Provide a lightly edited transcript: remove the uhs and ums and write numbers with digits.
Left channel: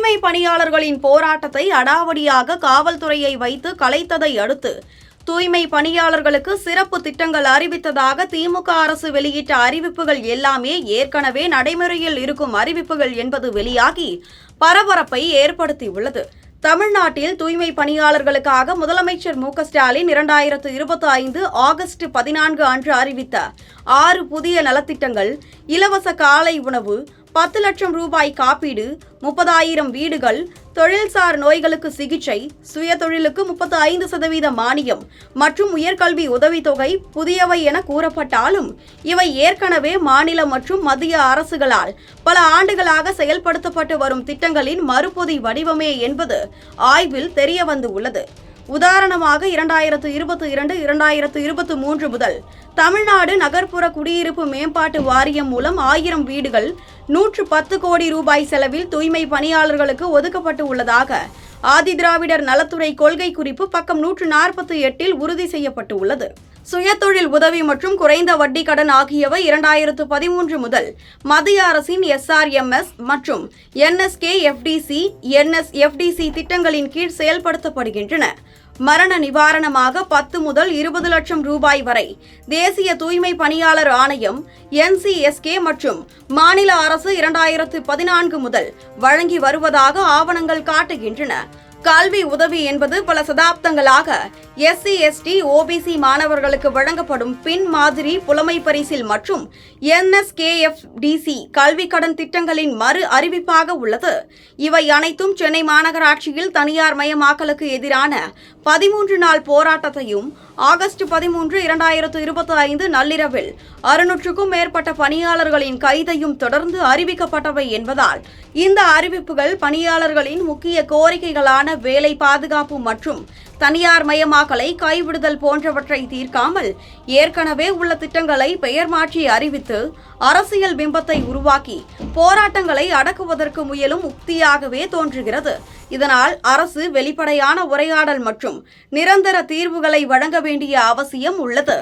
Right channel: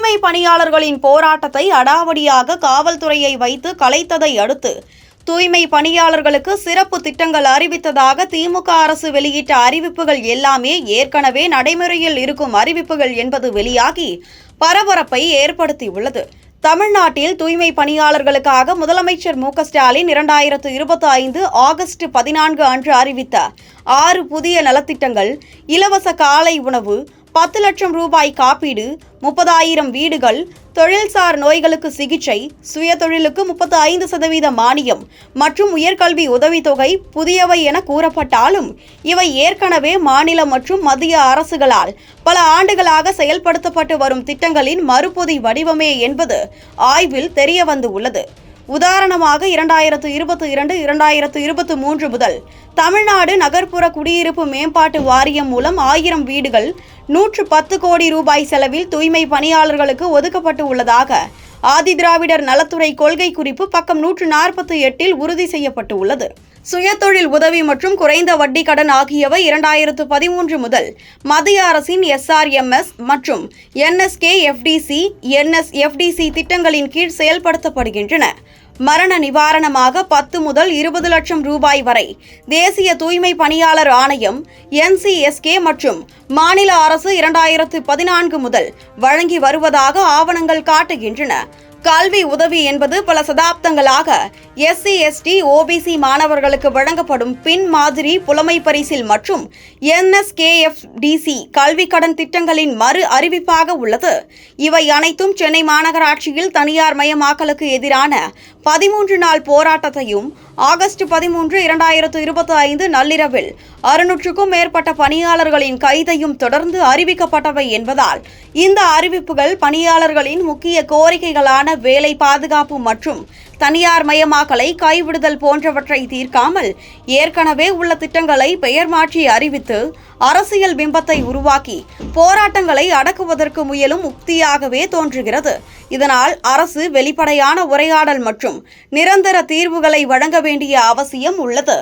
தூய்மை பணியாளர்களின் போராட்டத்தை அடாவடியாக காவல்துறையை வைத்து கலைத்ததை அடுத்து தூய்மை பணியாளர்களுக்கு சிறப்பு திட்டங்கள் அறிவித்ததாக திமுக அரசு வெளியிட்ட அறிவிப்புகள் எல்லாமே ஏற்கனவே நடைமுறையில் இருக்கும் அறிவிப்புகள் என்பது வெளியாகி பரபரப்பை ஏற்படுத்தியுள்ளது. தமிழ்நாட்டில் தூய்மை பணியாளர்களுக்காக முதலமைச்சர் மு.க.ஸ்டாலின் 2025 ஆகஸ்ட் 14 அன்று அறிவித்த 6 புதிய நலத்திட்டங்கள், இலவச காலை உணவு, 10 லட்சம் ரூபாய் காப்பீடு, 30,000 வீடுகள், தொழில்சார் நோய்களுக்கு சிகிச்சை, சுயதொழிலுக்கு 35% மானியம் மற்றும் உயர்கல்வி உதவித்தொகை புதியவை என கூறப்பட்டாலும் இவை ஏற்கனவே மாநில மற்றும் மத்திய அரசுகளால் பல ஆண்டுகளாக செயல்படுத்தப்பட்டு வரும் திட்டங்களின் மறுபொதி வடிவமே என்பது ஆய்வில் தெரியவந்துள்ளது. உதாரணமாக 2022-2023 முதல் தமிழ்நாடு நகர்ப்புற குடியிருப்பு மேம்பாட்டு வாரியம் மூலம் 1000 வீடுகள் 110 கோடி ரூபாய் செலவில் தூய்மை பணியாளர்களுக்கு ஒதுக்கப்பட்டு உள்ளதாக ஆதிதிராவிடர் நலத்துறை கொள்கை குறிப்பு பக்கம் 148 உறுதி செய்யப்பட்டுள்ளது. சுயதொழில் உதவி மற்றும் குறைந்த வட்டி கடன் ஆகியவை 2013 முதல் மத்திய அரசின் SRMS மற்றும் NSKFDC, NSFDC திட்டங்களின் கீழ் செயல்படுத்தப்படுகின்றன. மரண நிவாரணமாக 10 முதல் 20 லட்சம் ரூபாய் வரை தேசிய தூய்மை பணியாளர் ஆணையம் NCSK மற்றும் மாநில அரசு 2014 முதல் வழங்கி வருவதாக ஆவணங்கள் காட்டுகின்றன. கல்வி உதவி என்பது பல சதாப்தங்களாக SC, ST, OBC மாணவர்களுக்கு வழங்கப்படும் பின் மாதிரி புலமை பரிசில் மற்றும் NSKFDC கல்வி கடன் திட்டங்களின் மறு அறிவிப்பாக உள்ளது. இவை அனைத்தும் சென்னை மாநகராட்சியில் தனியார் மயமாக்கலுக்கு எதிரான 13 நாள் போராட்டத்தையும் ஆகஸ்ட் 13, 2025 நள்ளிரவில் 600க்கும் மேற்பட்ட பணியாளர்களின் கைதையும் தொடர்ந்து அறிவிக்கப்பட்டவை என்பதால் இந்த அறிவிப்புகள் பணியாளர்களின் முக்கிய கோரிக்கைகளான வேலை பாதுகாப்பு மற்றும் தனியார் மயமாக்கலை கைவிடுதல் போன்றவற்றை தீர்க்காமல் ஏற்கனவே உள்ள திட்டங்களை பெயர் மாற்றி அறிவித்து அரசியல் பிம்பத்தை உருவாக்கி போராட்டங்களை அடக்குவதற்கு முயலும் உக்தியாகவே தோன்றுகிறது. இதனால் அரசு வெளிப்படையான உரையாடல் மற்றும் நிரந்தர தீர்வுகளை வழங்க வேண்டிய அவசியம் உள்ளது.